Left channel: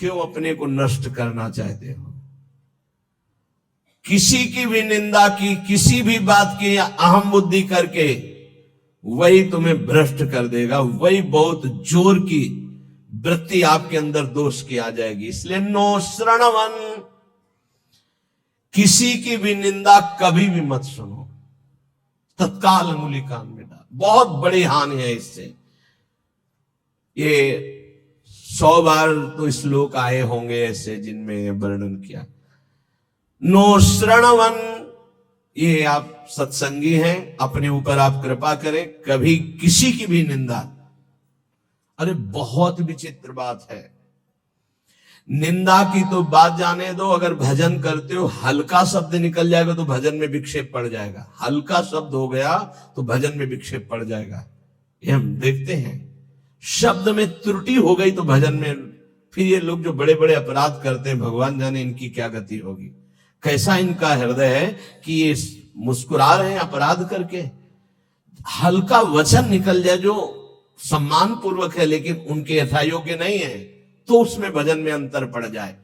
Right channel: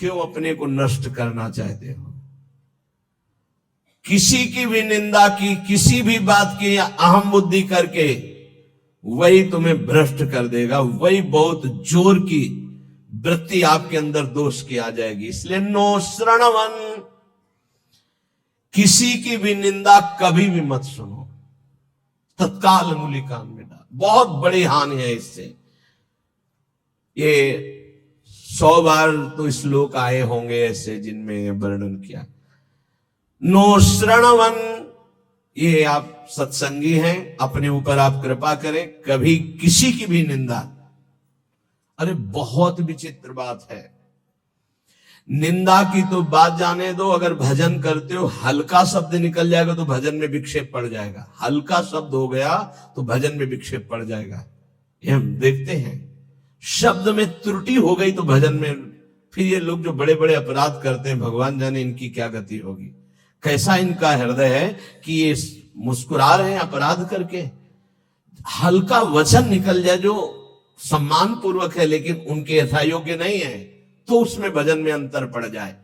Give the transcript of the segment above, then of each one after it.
क्यों अपने को नष्ट करना चाहते हो? किसी की भी निंदा की, किसी भी बात की अहम बुद्धि करके वही तुम्हें भ्रष्ट कर देगा, वही बहुत जोर की वृत्ति आपके अंदर दोष की आ जाएगी। इसलिए नो श्रणवन, किसी की भी निंदा कभी भी मत सुनो, तत्काल अंगुली कान में डाल। बहुत बड़ी हानि है इससे। ये 100 बार तो श्लोक आए होंगे ऐसे जिनमें वर्णन किया। नो श्रणवन, ये आप सत्संगी हैं, अपने ऊपर आप कृपा करें, कभी किसी की भी निंदा। अरे बहुत विचित्र बात है, निंदा की तो बात जाने दो, अगर भजन करते हो हल्का शब्द निकल जाएगा तो भजन में विक्षेप पड़ जाएगा। हल्का शब्द हो गया तो भजन में विक्षेप पड़ जाएगा। ये हम देखते हैं, शब्द में त्रुटि हो गई तो भजन में, फिर ये लोग जो बड़े बड़े अपराध करते हैं, भगवान जाने इनकी क्या गति होगी। कैसा इनका हृदय है कि ये मुस्कुरा रहे हैं अपराध करके। हल्का वचन निकल जाए जो सम्मान पूर्वक है लेकिन उनके यथायोग्य नहीं है, तो उसमें भजन में अंतर पड़ जाए।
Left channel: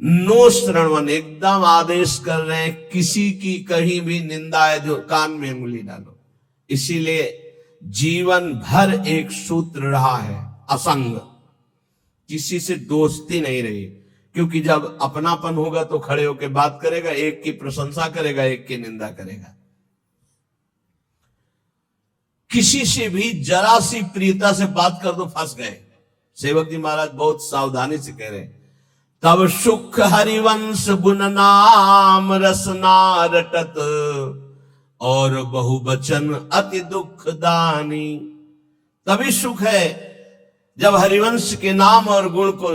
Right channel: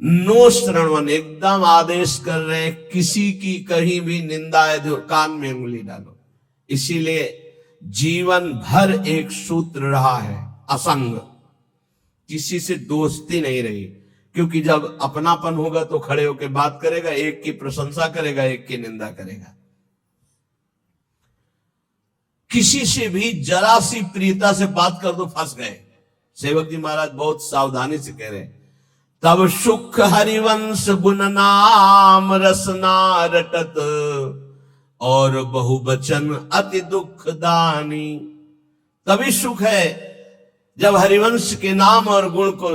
नो श्रवण, एकदम आदेश कर रहे हैं, किसी की कहीं भी निंदा है जो कान में उंगली डालो। इसीलिए जीवन भर एक सूत्र रहा है, असंग, किसी से दोस्ती नहीं रही। क्योंकि जब अपनापन होगा तो खड़े होकर बात करेगा, एक की प्रशंसा करेगा, एक की निंदा करेगा। किसी से भी जरा सी प्रियता से बात कर दो फंस गए। सेवक जी महाराज बहुत सावधानी से कह रहे हैं, तब सुख हरिवंश गुण नाम रसना रटत और बहुवचन अति दुख दानी। तभी सुख है जब हरिवंश के नाम और गुण को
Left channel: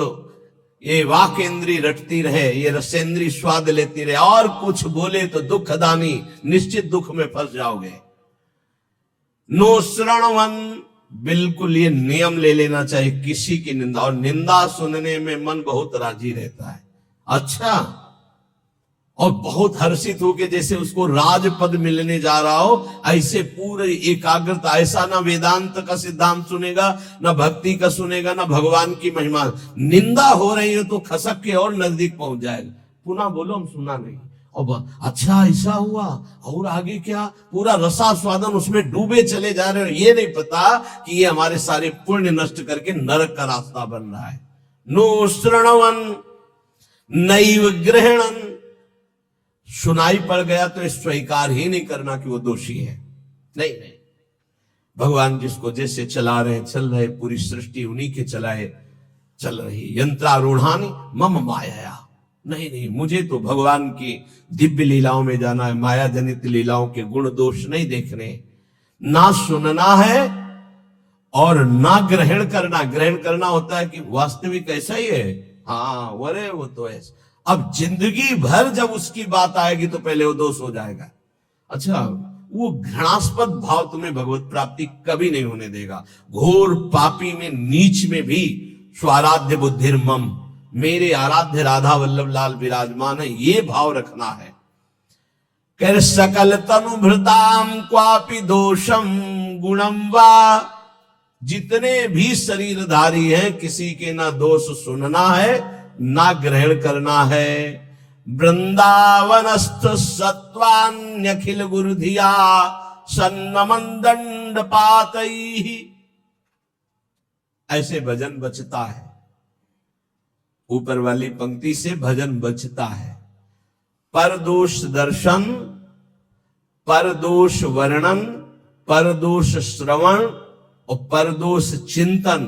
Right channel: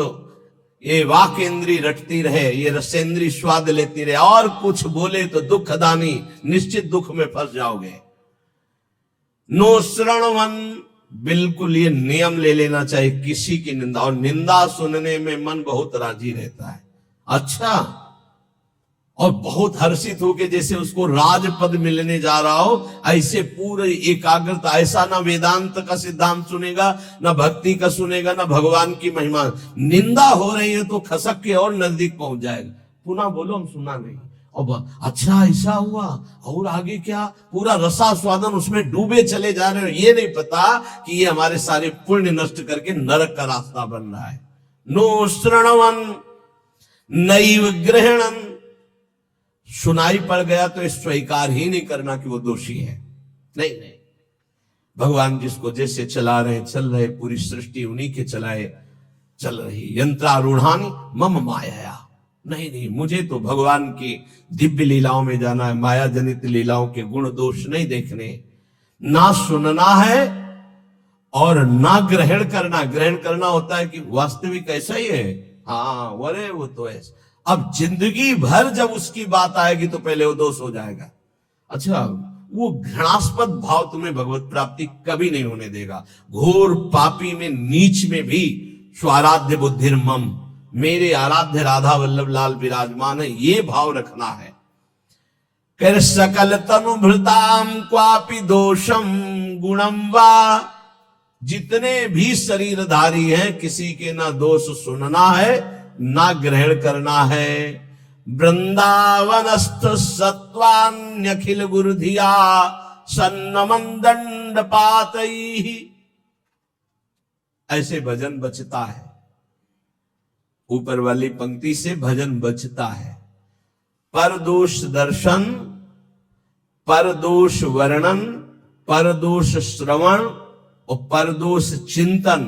ये वाक इंद्री रटती रहे, ये रसेंद्री स्वाद लेती रहे, और कुछ बोले तो दुखदानी, निश्चित दुख में फंस जाओगे। नो श्रणवन, बिल्कुल ये नियम ले लेना चाहिए, किसी की निंदा, और निंदा सुनने में मन बहुत राजी रहता है। अच्छा, और बहुत हर्षित होके जैसे उसको राजपद मिलने जा रहा हो, ऐसे पूरे एकाग्रता। ऐसा ना वेदांत का सिद्धांत सुनेगा, ना भक्ति का सुनेगा, ना भगवान की महिमा। निंदा हो रही है तो खसक के और नजदीक पहुंच जाएगा। पुनः बोलो हम सुना नहीं, और अच्छा ऐसा हुआ, और आगे क्या, पूरा रसास्वादन उसमें डूबे चले जा रहे हो। ये नहीं पता कि ये हमारे सारे पुण्य नष्ट करके नरक का रास्ता बन रहा है। नो श्रणवन नैव ग्रहणन, सुनाई पड़ गया तो स्वीकार ही नहीं करना कि वो दोषी है। नहीं नहीं, भगवान जिसको जैसे चला रहे चल रहे, पूरी सृष्टि उन्हीं के चलाए चल रही। यंत्रारूढ़ानि मम माया, नहीं नहीं, मुझे तो भगवान की दिव्य लीलाओं में जाना है, माया जनित लीलाओं के गुण दोष नहीं देखने। ना सुनना है और ना ग्रहण करना। ग्रहण करना होता है कि वास्तविक ऐसा ही है, हाँ वरे वो तो ऐसा। अब जिंदगी भर जब उसकी बात आएगी तो पहले वो दोष हो जाएगा। अच्छा, वो घृणास्पद भाव तुम्हें भगवत प्राप्ति कभी नहीं होने देगा। घोर पापी में, नीच में भी स्वाराध्य बुद्धिर मम, मेरे आराध्य राधा वल्लभ लाल विराजमान है, ये भाव रखना है। कर सकल तनु भृताम क्वापि दोषम गुणम वा, जितने भी शरीरधारी हैं किसी के ना दोष सुनना है ना ग्रहण करना है। वृंदावनस्थ सत्वान्यखिल गुरुधिया सन्नमन दंड पातई, ऐसे भजन बचता है। ऊपर वाली पंक्ति से भजन बचता है। परदोष दर्शन, परदोष वर्णन, परदोष श्रवण और परदोष चिंतन,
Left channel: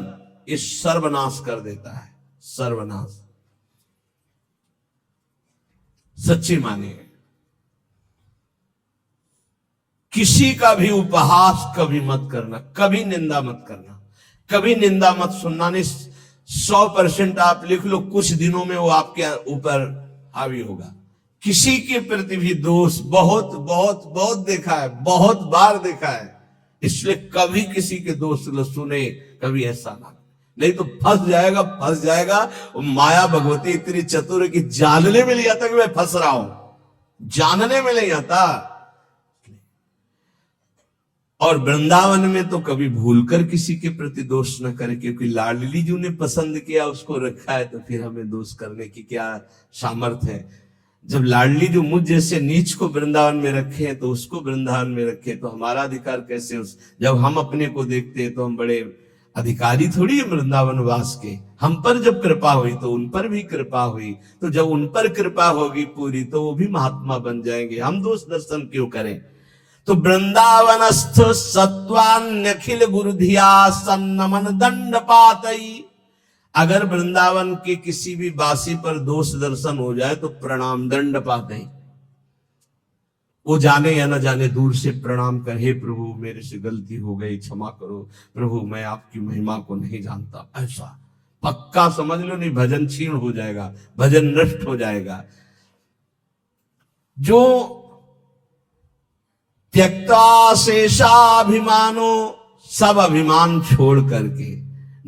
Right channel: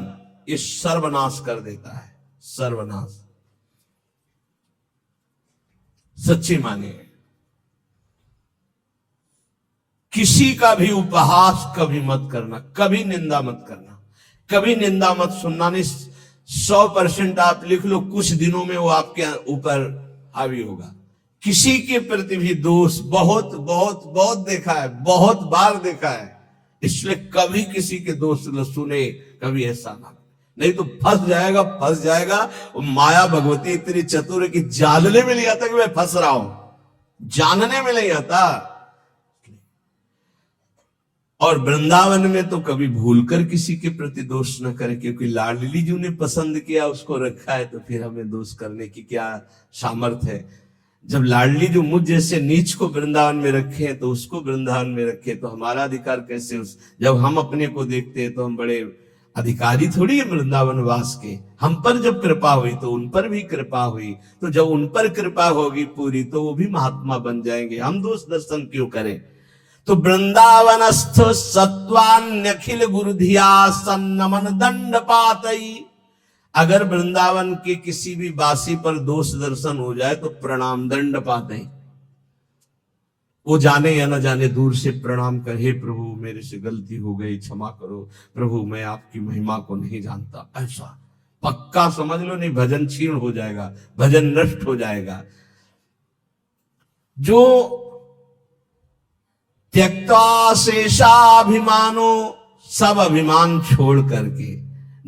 ये सर्वनाश कर देता है। सर्वनाश सच्ची मानिए, किसी का भी उपहास कभी मत करना, कभी निंदा मत करना, कभी निंदा मत सुनना। नहीं, 100% आप लिख लो, कुछ दिनों में वो आपके ऊपर हावी होगा। किसी के प्रति भी दोष बहुत बहुत बहुत देखा है, बहुत बार देखा है। इसलिए कभी किसी के दोष सुने, कभी ऐसा ना, नहीं तो फंस जाएगा, फंस जाएगा। माया भगवती इतनी चतुर है कि जानने में नहीं आता कि मैं फंस रहा हूं, जानने में नहीं आता। और वृंदावन में तो कभी भूलकर किसी के प्रति दोष न करे, क्योंकि लाडली जी ने पसंद किया, उसको रखा है, तो फिर हमें दोष करने की क्या सामर्थ्य है। जब लाडली जो मुझ जैसे नीच को वृंदावन में रखे हैं तो उसको वृंदावन में रखे, तो हमारा अधिकार कैसे जब हम अपने को देखते हैं तो हम बड़े अधिकारी थोड़ी है वृंदावन वास के। हम पर जब कृपा हुई तो उन पर भी कृपा हुई, तो जब उन पर कृपा होगी पूरी तो वो भी महात्मा बन जाएंगे, हम दोष दर्शन क्यों करें। तो वृंदावनस्थ सत्वान्यखिल गुरुधिया सन्नमन दंड पातई। अगर वृंदावन के किसी भी वासी पर दोष दर्शन हो जाए तो प्रणाम दंड पातई। वो जाने या न जाने दूर से प्रणाम कर, हे प्रभु मेरे से गलती हो गई, क्षमा करो प्रभु, मैं आपकी महिमा को नहीं जानता। ऐसा पक्का समझ लो, नहीं भजन क्षीण हो जाएगा, भजन नष्ट हो जाएगा। जो त्यक्ता शेषाभिमानो, सब अभिमान छोड़ करके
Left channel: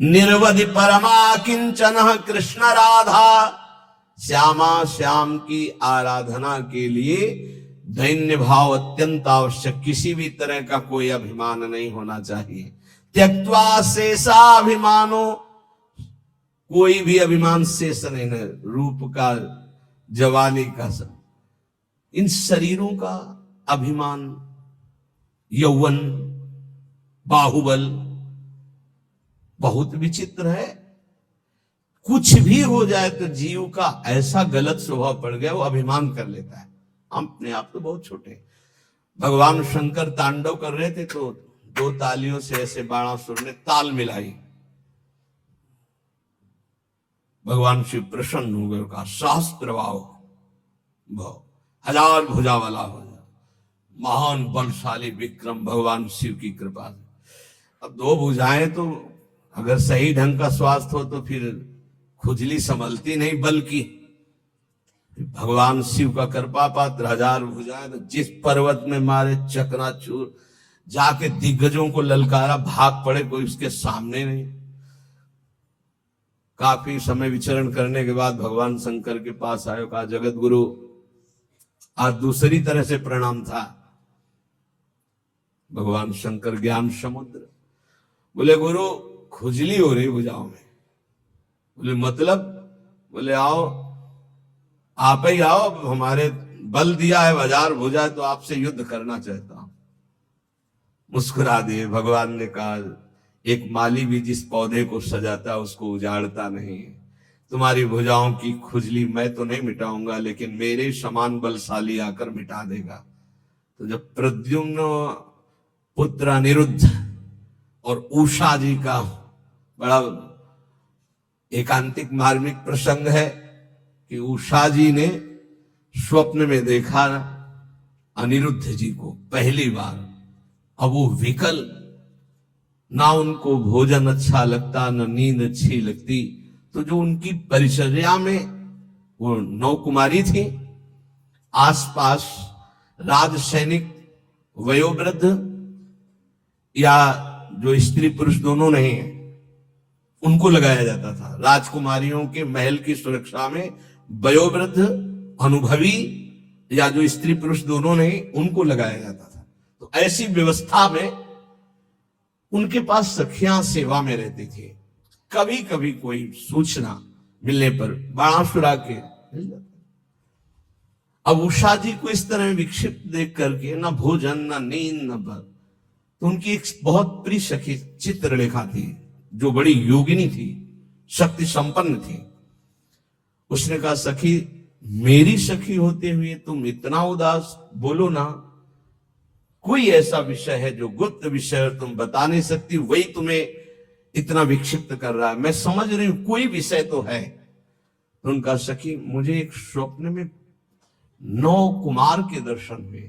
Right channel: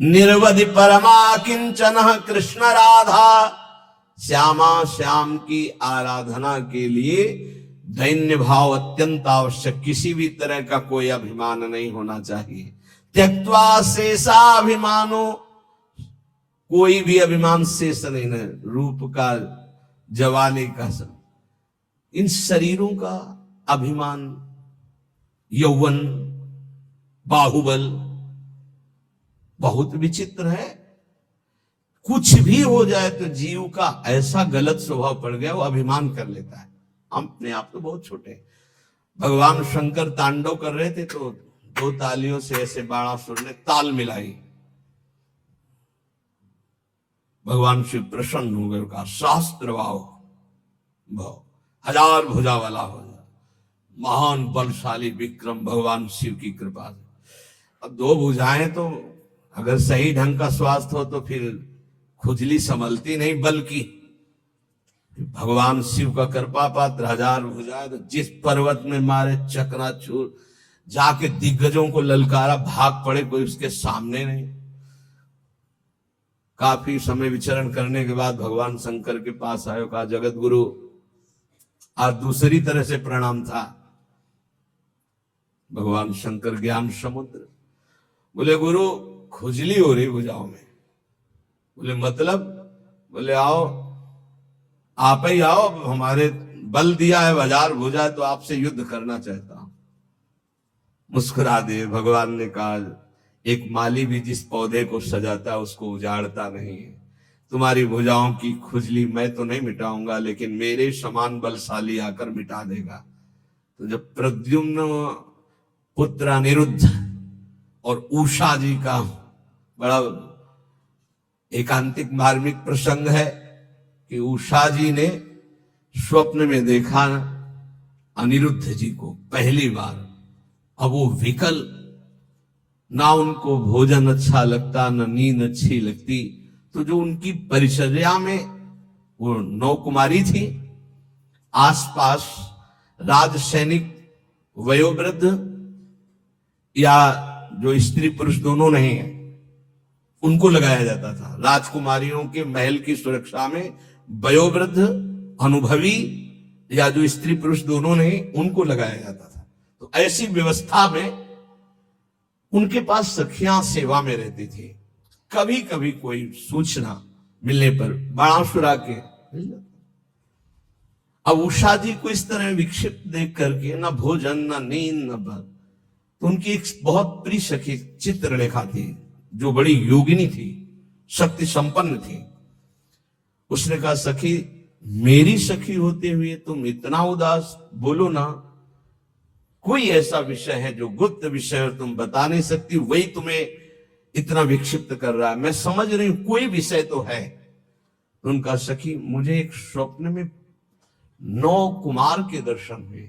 निर्वधि परमा किंचन कृष्ण राधा, श्यामा श्याम की आराधना के लिए दैन्य भाव अत्यंत आवश्यक, किसी भी तरह का कोई अभिमान नहीं होना चाहिए। त्यक्त्वा शेषाभिमानो, कोई भी अभिमान शेष नहीं है, रूप का, जवानी का, सब इन शरीरों का अभिमान, यौवन, बाहुबल बहुत विचित्र है। कुछ भी हो जाए तो जीव का ऐसा गलत स्वभाव पड़ गया, वो अभिमान कर लेता है। हम अपने आप तो बहुत छोटे। भगवान शंकर तांडव कर रहे थे तो दो तालियों से ऐसे बाणासुर ने ताल मिलाई, भगवान शिव प्रसन्न हो गए, कहा शास्त्र भाव, हजार भुजा वाला हो, महान बलशाली विक्रम भगवान शिव की कृपा से। अब दो भुजाएं तो अगर सही ढंग का स्वास्थ्य हो तो फिर खुजली संभलती नहीं, बल्कि भगवान शिव का कृपा पात्र, हजार भुजाएं, तो जिस पर्वत में मारे चकनाचूर, जाके दिग्गजों को ललकारा, भाग पड़े, कोई उसके सामने नहीं। काफी समय विचरण करने के बाद भगवान शंकर के पास आयो, कहा जगत गुरु, आज दूसरी तरह से प्रणाम था। भगवान शंकर ज्ञान समुद्र, बोले गुरु खुजली हो रही भुजाओं में। बोले मतलब? बोले आओ, आप ही आओ, हमारे बल दिया है, हजार भुजा, तो आपसे युद्ध करना चाहता हूं। मुस्कुरा दिए। भगवान ने कहा एक माली भी जिस पौधे को सजाता उसको उजाड़ता नहीं है, तुम्हारी भुजाओं की खुजली मैं तो नहीं मिटाऊंगा, लेकिन मेरे समान बलशाली आकर मिटा देगा। तो जब प्रद्युम्न पुत्र अनिरुद्ध और उषा जी का बड़ा एकांतिक मार्मिक प्रसंग है कि उषा जी ने स्वप्न में देखा अनिरुद्ध जी को पहली बार। अब वो विकल, ना उनको भोजन अच्छा लगता, न नींद अच्छी लगती। तो जो उनकी परिचर्या में वो 9 कुमारी थी, आसपास राज सैनिक, वयोवृद्ध या जो स्त्री पुरुष दोनों नहीं है, उनको लगाया जाता था। राजकुमारियों के महल की सुरक्षा में वयोवृद्ध, अनुभवी या जो स्त्री पुरुष दोनों नहीं, उनको लगाया जाता था। तो ऐसी व्यवस्था में उनके पास सखियां सेवा में रहती थी। कभी कभी कोई सूचना मिलने पर बाणासुरा के मिल जाता। अब उषा जी को इस तरह विक्षिप्त देख करके न भोजन, न नींद, न बल, तो उनकी एक बहुत प्रिय सखी चित्रलेखा थी, जो बड़ी योगिनी थी, शक्ति संपन्न थी। उसने कहा सखी, मेरी सखी होते हुए तुम इतना उदास, बोलो ना, कोई ऐसा विषय है जो गुप्त विषय तुम बता नहीं सकती, वही तुम्हें इतना विक्षिप्त कर रहा है। मैं समझ रही हूं कोई विषय तो है। तो उनका सखी, मुझे एक स्वप्न में 9 कुमार के दर्शन हुए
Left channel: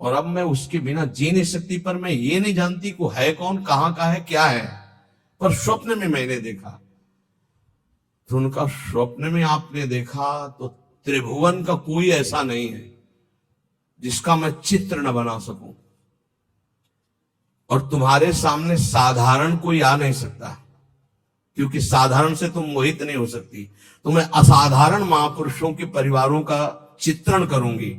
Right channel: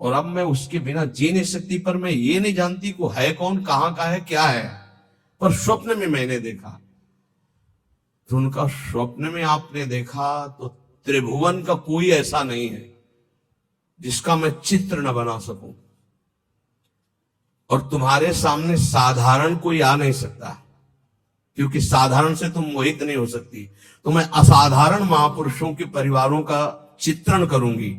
और अब मैं उसके बिना जी नहीं सकती, पर मैं ये नहीं जानती को है कौन, कहां का है, क्या है, पर स्वप्न में मैंने देखा। तो उनका स्वप्न में आपने देखा तो त्रिभुवन का कोई ऐसा नहीं है जिसका मैं चित्र न बना सकूं, और तुम्हारे सामने साधारण कोई आ नहीं सकता, क्योंकि साधारण से तुम मोहित नहीं हो सकती। तो मैं असाधारण महापुरुषों के परिवारों का चित्रण करूंगी,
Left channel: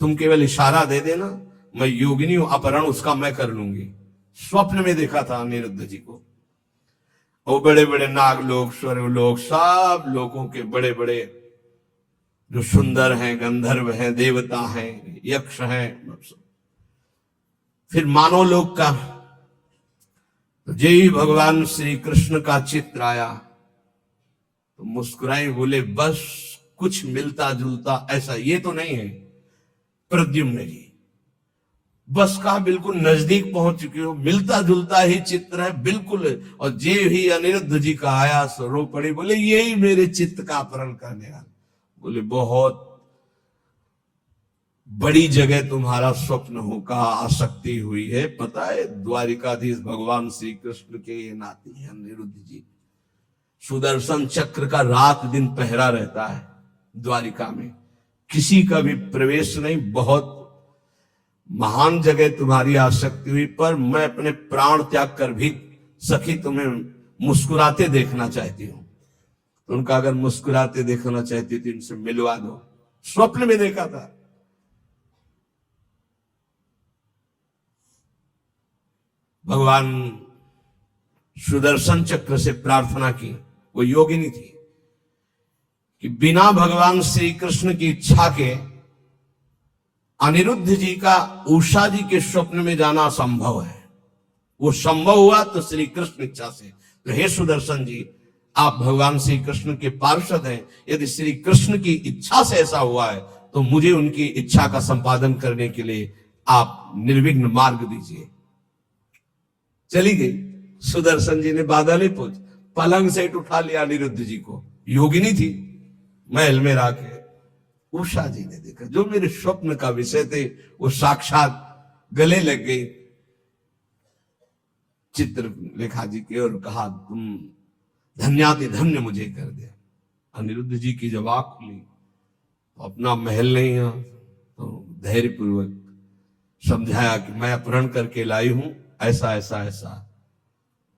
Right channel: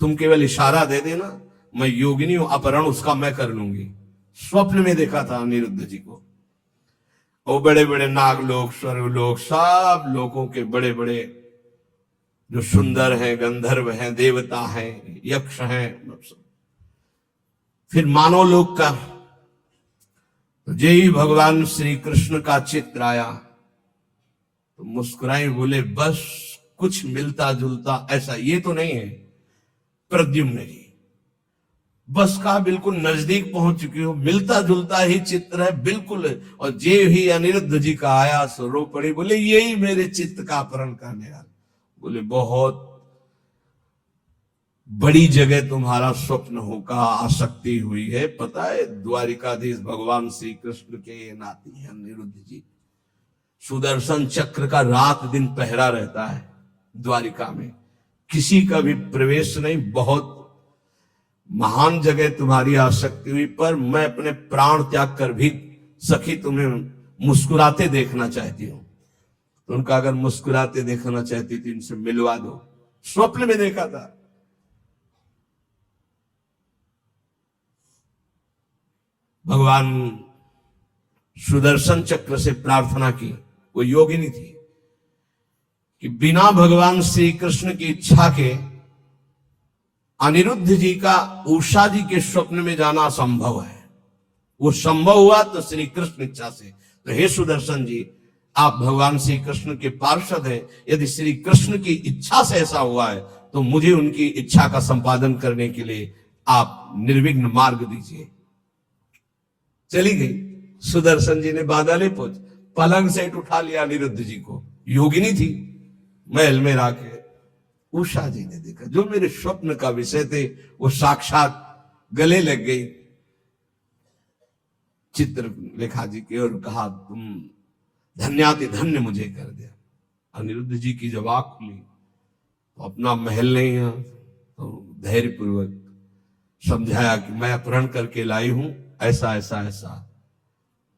तुम केवल इशारा दे देना, मैं योगिनी हूं, अपहरण उसका मैं कर लूंगी। स्वप्न में देखा था अनिरुद्ध जी को। और बड़े बड़े नागलोक, स्वर्गलोक, सब लोगों के बड़े बड़े जो सुंदर हैं, गंधर्व हैं, देवता हैं, यक्ष हैं, फिर मानव लोक का। तो जय भगवान श्री कृष्ण का चित्र आया तो मुस्कुराए, बोले बस कुछ मिलता जुलता ऐसा ये तो नहीं है प्रद्युम्न जी। बस कहा बिल्कुल नजदीक पहुंच चुके हो, मिलता जुलता ही चित्र है बिल्कुल। और जे ही अनिरुद्ध जी का आया सो रो पड़े, बोले यही मेरे चित्त का अपहरण करने वाला। बोले बहुत बड़ी जगह तुम्हारा स्वप्न होगा, आसक्ति हुई है। पता है द्वारिकाधीश भगवान श्री कृष्ण के ये नाती है अनिरुद्ध जी। सुदर्शन चक्र का रात दिन पहरा रहता है द्वारिका में, किसी का भी प्रवेश नहीं। बहुत महान जगह तुम्हारी आसक्ति हुई, पर मैं अपने प्राण त्याग कर भी सखी तुम्हें मुस्कुराते देखना चाहती हूं। उनका अगर मुस्कुराते देखना चाहती थी इनसे मिलवा दो। स्वप्न में देखा था। भगवान सुदर्शन चक्र से प्रार्थना की, वो योगिनी थी कि बिना भगवान श्री कृष्ण की इच्छा के अनिरुद्ध जी का उषा जी के स्वप्न में जाना असंभव है। वो संभव हुआ तो श्री कृष्ण इच्छा से। तो हे सुदर्शन जी, आप भगवान श्री कृष्ण के पार्षद हैं, यदि श्री कृष्ण की इच्छा से ऐसा हुआ है तो मुझे उनकी इच्छा का संपादन करने के लिए आप निर्विघ्न मार्ग दीजिए। चली गई। सुदर्शन जी ने बादल पूछ पलंग से उठा लिया अनिरुद्ध जी को। योगिनी थी, महल में आके उषा जी ने देखा, जो मेरे स्वप्न का विषय थे वो साक्षात गले लग गई चित्रलेखा जी के और कहा तुम धन्याति धन्य मुझे कर दिया। अनिरुद्ध जी की जब आंख खुली तो अपना महल नहीं है तो धैर्यपूर्वक समझाया कि मैं अपहरण करके लाई हूं, ऐसा ऐसा ऐसा।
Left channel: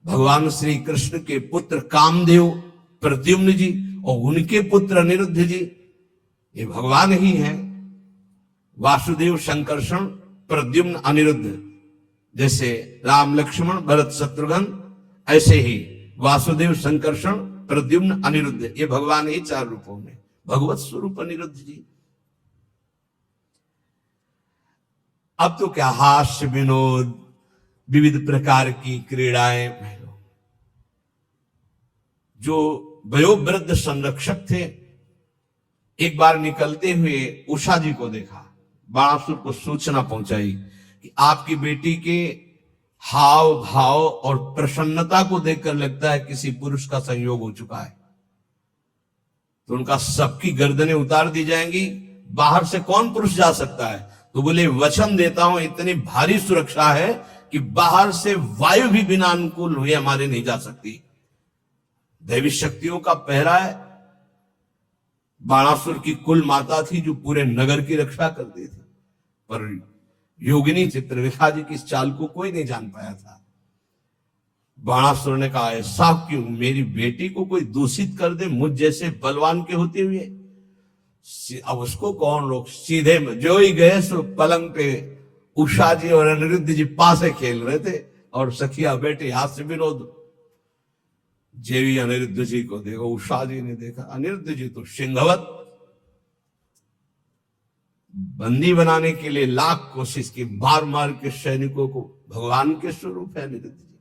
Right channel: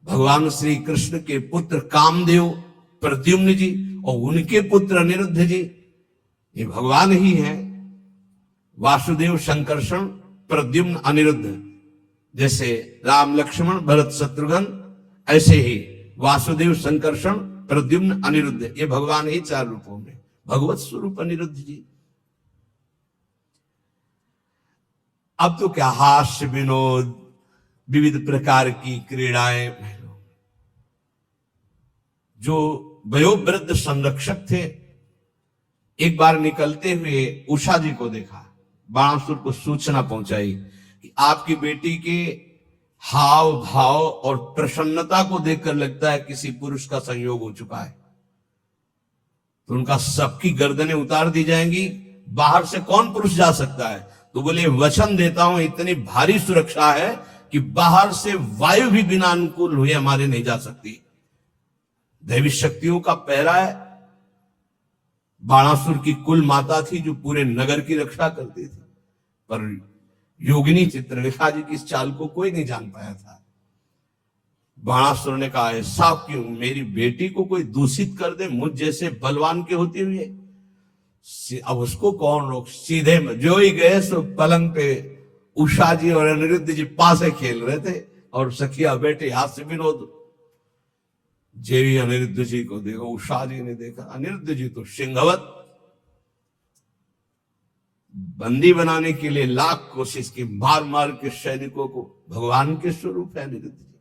भगवान श्री कृष्ण के पुत्र कामदेव प्रद्युम्न जी और उनके पुत्र अनिरुद्ध जी ये भगवान ही है। वासुदेव संकर्षण प्रद्युम्न अनिरुद्ध, जैसे राम लक्ष्मण भरत शत्रुघ्न, ऐसे ही वासुदेव संकर्षण प्रद्युम्न अनिरुद्ध, ये भगवान ही चार रूपों में। भगवत स्वरूप अनिरुद्ध जी। अब तो क्या हास्य विनोद, विविध प्रकार की क्रीड़ाएं। जो वयोवृद्ध संरक्षक थे एक बार निकलते हुए उषा जी को देखा, बाणासुर को सूचना पहुंचाई कि आपकी बेटी के हाव भाव और प्रसन्नता को देखकर लगता है किसी पुरुष का संयोग हो चुका है, तो उनका सबकी गर्दनें उतार दी जाएंगी, बाहर से कौन पुरुष जा सकता है। तो बोले वचन देता हूं इतनी भारी सुरक्षा है कि बाहर से वायु भी बिना अनुकूल हुए हमारे नहीं जा सकती। दैवी शक्तियों का पहरा है। बाणासुर की कुल माता थी जो पूरे नगर की रक्षा करती थी, पर योगिनी चित्रलेखा जी की इस चाल को कोई नहीं जान पाया था। बाणासुर ने कहा ऐसा क्यों, मेरी बेटी को कोई दूषित कर दे मुझ जैसे बलवान के होते हुए। अब उसको कौन रोक। सीधे जो ही गए सो पलंग पे उषा जी और अनिरुद्ध जी पासे खेल रहे थे और सखिया बेटे हाथ से विनोद। जेवी अनिरुद्ध जी को देखो, उषा जी ने देखा, अनिरुद्ध जी तो सिंहवत बंदी बनाने के लिए लाख कोशिश की, मार मार के सैनिकों को। भगवान के स्वरूप है अनिरुद्ध जी।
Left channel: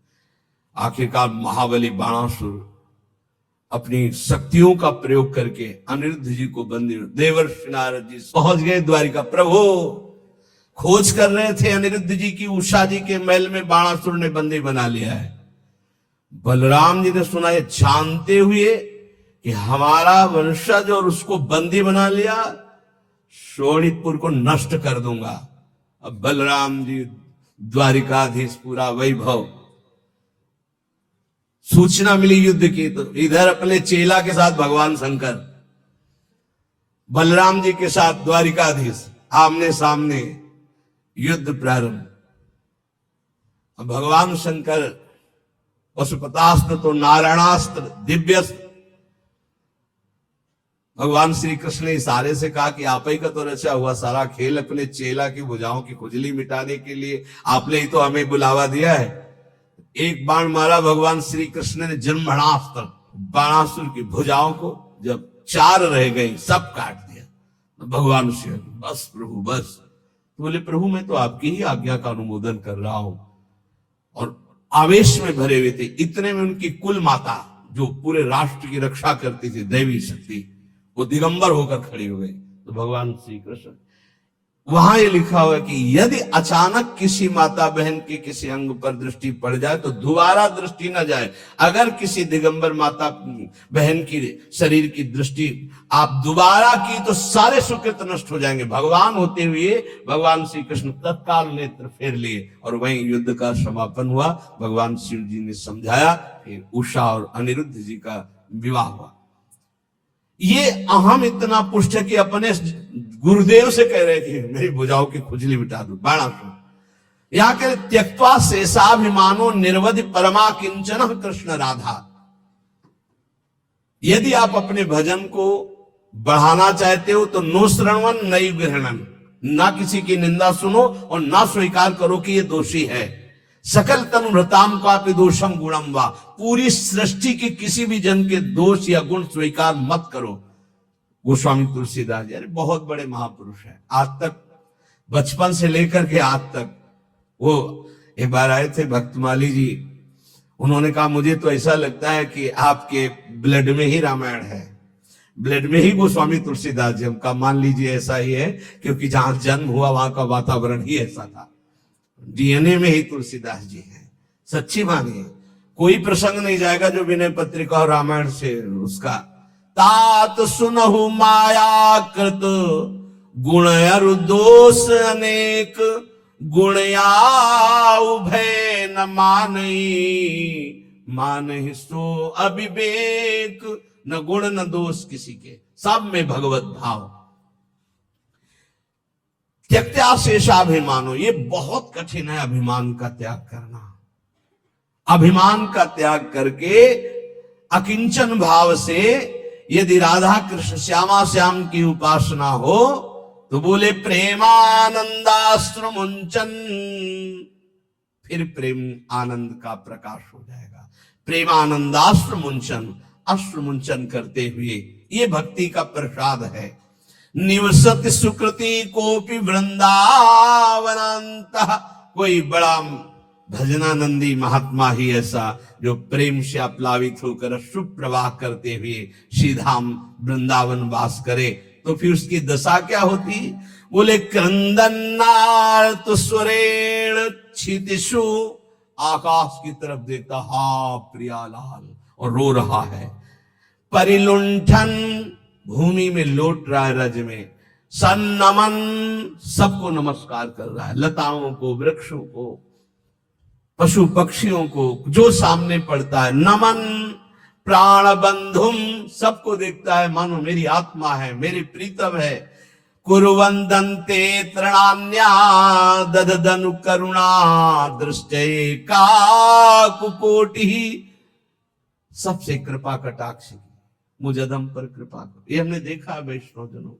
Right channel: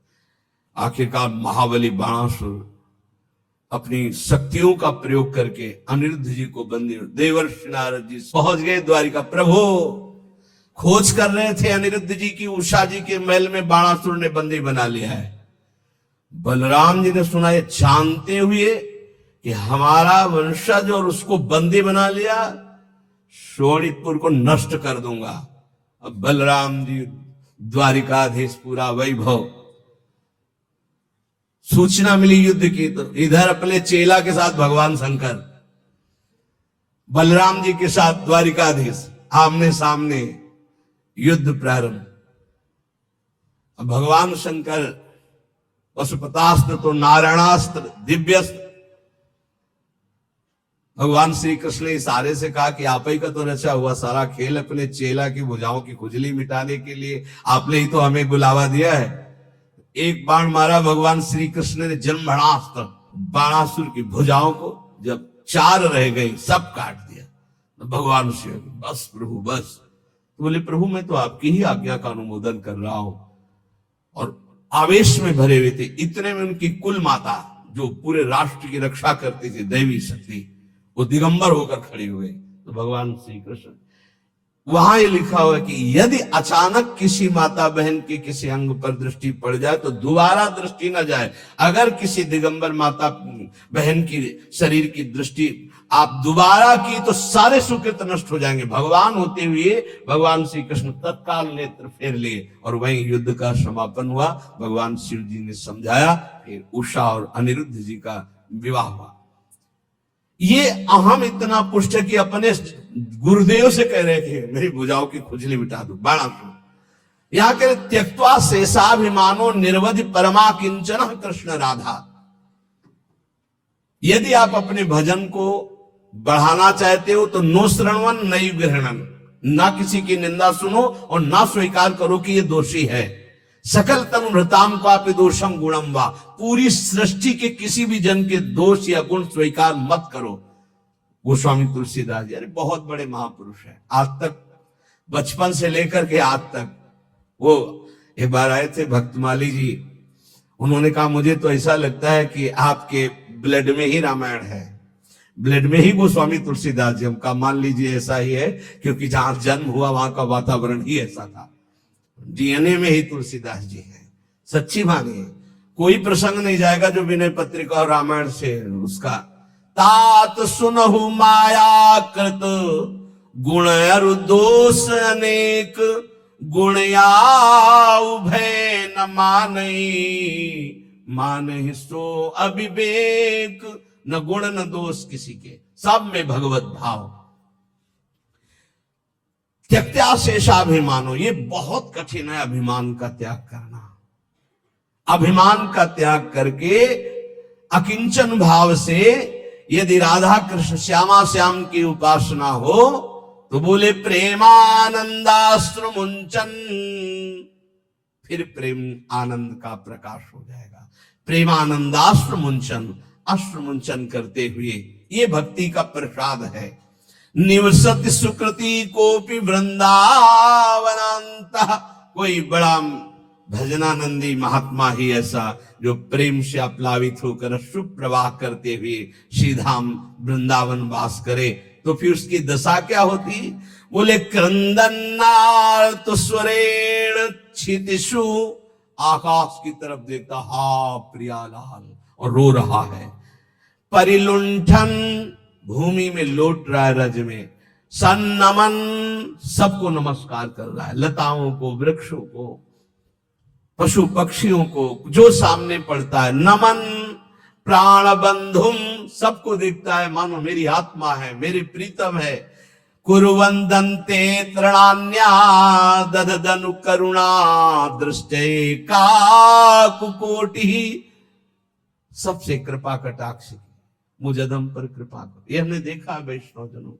आखिरकार महाबली बाणासुर अपनी शक्तियों का प्रयोग करके अनिरुद्ध जी को बंदी, देवर्षि नारद जी पहुंच गए द्वारिका। प्रभु खोज कर रहे थे अनिरुद्ध जी की, उषा जी के महल में बाणासुर ने बंदी बना लिया है। बलराम जी ने सुना, ये जानते हुए कि हमारा वंशज और उसको बंदी बना लिया, शोणितपुर को नष्ट कर दूंगा। अब बलराम जी द्वारिकाधीश पूरा वैभव। सूचना मिली युद्ध की, तो इधर अपने चेला के साथ भगवान शंकर, बलराम जी के साथ द्वारिकाधीश, आमने सामने युद्ध प्रारंभ। अब भगवान शंकर पशुपतास्त्र तो नारायणास्त्र दिव्यस्त्र, भगवान श्री कृष्ण ने इशारे से कहा कि आप ही का तो रचा हुआ सारा खेल अपने चेला की भुजाओं की खुजली मिटाने के लिए आपने ही तो हमें बुलावा दिया है। एक बाण मारा भगवान श्री कृष्ण ने जन्मणास्त्र, बाणासुर की भुजाओं को जब 4 रह गई सब काट दिया। तो भगवान श्री बस प्रभु बस। तो बोले प्रभु मैं तो आपकी ही आज्ञा का अनुमोदन कर रहा हूं। और आवेश में भरे हुए थे। इतने में उनकी कुल माता जो पूरे राष्ट्र की रक्षा करती थी, दैवी शक्ति, वो दिगंबर होकर खड़ी हो गई। तो भगवान श्री कृष्ण, वहां ये लिखा हुआ है कि यदि अचानक किसी माता बहन के किसी अंग पर दृष्टि पड़ जाए तो दोबारा दृष्टि न जाए। अगर किसी दिगंबर माता बहन की शरीर की दृष्टि आप दोबारा की तो सारे सुकृत नष्ट हो जाएंगे। भगवान होते हुए भगवान श्री कृष्ण तत्काल नेत्र फेर लिए और वहीं युद्ध का समापन हुआ। भगवान शिव जी ने समझाया, फिर उषा और अनिरुद्ध जी का विवाह हुआ। ये अहम इतना पुष्ट कि अपने गुरुदेव से कह रहे थे मेरी भुजाओं की खुजली मिटा दो, बाणासुर। यहां कह त्यक्त्वा शेषाभिमानो निर्वधि परमा किंचन कृष्ण राधा। यदि आप अपने भजन को बढ़ाना चाहते हो तो नो श्रवण नई ग्रहणन, ना किसी की निंदा सुनो और ना स्वीकार करो कि ये दोषी है। सकल तम भ्रताम का दोषम गुणम वा, पूरी सृष्टि के किसी भी जन के दोष या गुण स्वीकार मत करो। गोस्वामी तुलसीदास जी अरे बहुत बड़े महापुरुष हैं, आज तक बचपन से लेकर के आज तक। वो एक बार आए थे भक्तमाली जी, उन्होंने कहा मुझे तो ऐसा लगता है कि आपके ब्लड में ही रामायण है, ब्लड में ही गोस्वामी तुलसीदास जी। हमका मान लीजिए ऐसा ही है, क्योंकि जहां जन्म हुआ वहां का वातावरण ही ऐसा था। डीएनए में ही तुलसीदास जी हैं, सच्ची मानिए। कोई प्रसंग नहीं जाएगा जो विनय पत्रिका और रामायण से उसका। तात सुनहु माया कृत गुण अरु दोष अनेक, गुणया उभय न मानई, मानहि सो अविवेक। न गुण न दोष किसी के, सब में भगवत भाव। त्यक्त्या शेषाभिमानो, ये बहुत कठिन है अभिमान का त्याग करना। अभिमान का त्याग करके अकिंचन भाव से यदि राधा कृष्ण श्यामा श्याम की उपासना हो तो बोले प्रेमानंदाश्रु मुंचन, फिर प्रेम आनंद का प्रकाश हो जाएगा। प्रेमानंदाश्रु मुंचन, अश्रु मुंचन करते हुए, ये भक्ति का प्रसाद है। निवसति सुकृति कोपि वृंदावनांत, कोई बड़ा भजनानंदी महात्मा ही ऐसा जो प्रेम से अप्लावित होकर अश्रु प्रवाह करते हुए श्रीधाम वृंदावन वास करे, तो फिर उसकी दशा क्या होती? बोले क्रंदनार्त स्वरेण क्षितिषु, आकाश की तरफ देखता हा प्रियालाल और रो रहा है। परिलुंठन, भूमि में लौट रहा है रज में। सन्नमन, सबको नमस्कार कर रहा है, लताओं को, वृक्षों को, पशु पक्षियों को, जो सामने पड़ता है। नमन प्राण बंधुम, सबको देखता है मानो मेरी आत्मा है, मेरे प्रीतम है। कुरुवंदन्ते तृणान्या दददनु करुणा दृष्टे काकुकोटि, सबसे कृपा कटाक्ष, मुझे अधम पर कृपा करो। ये हमने देखा वैष्णव जनों,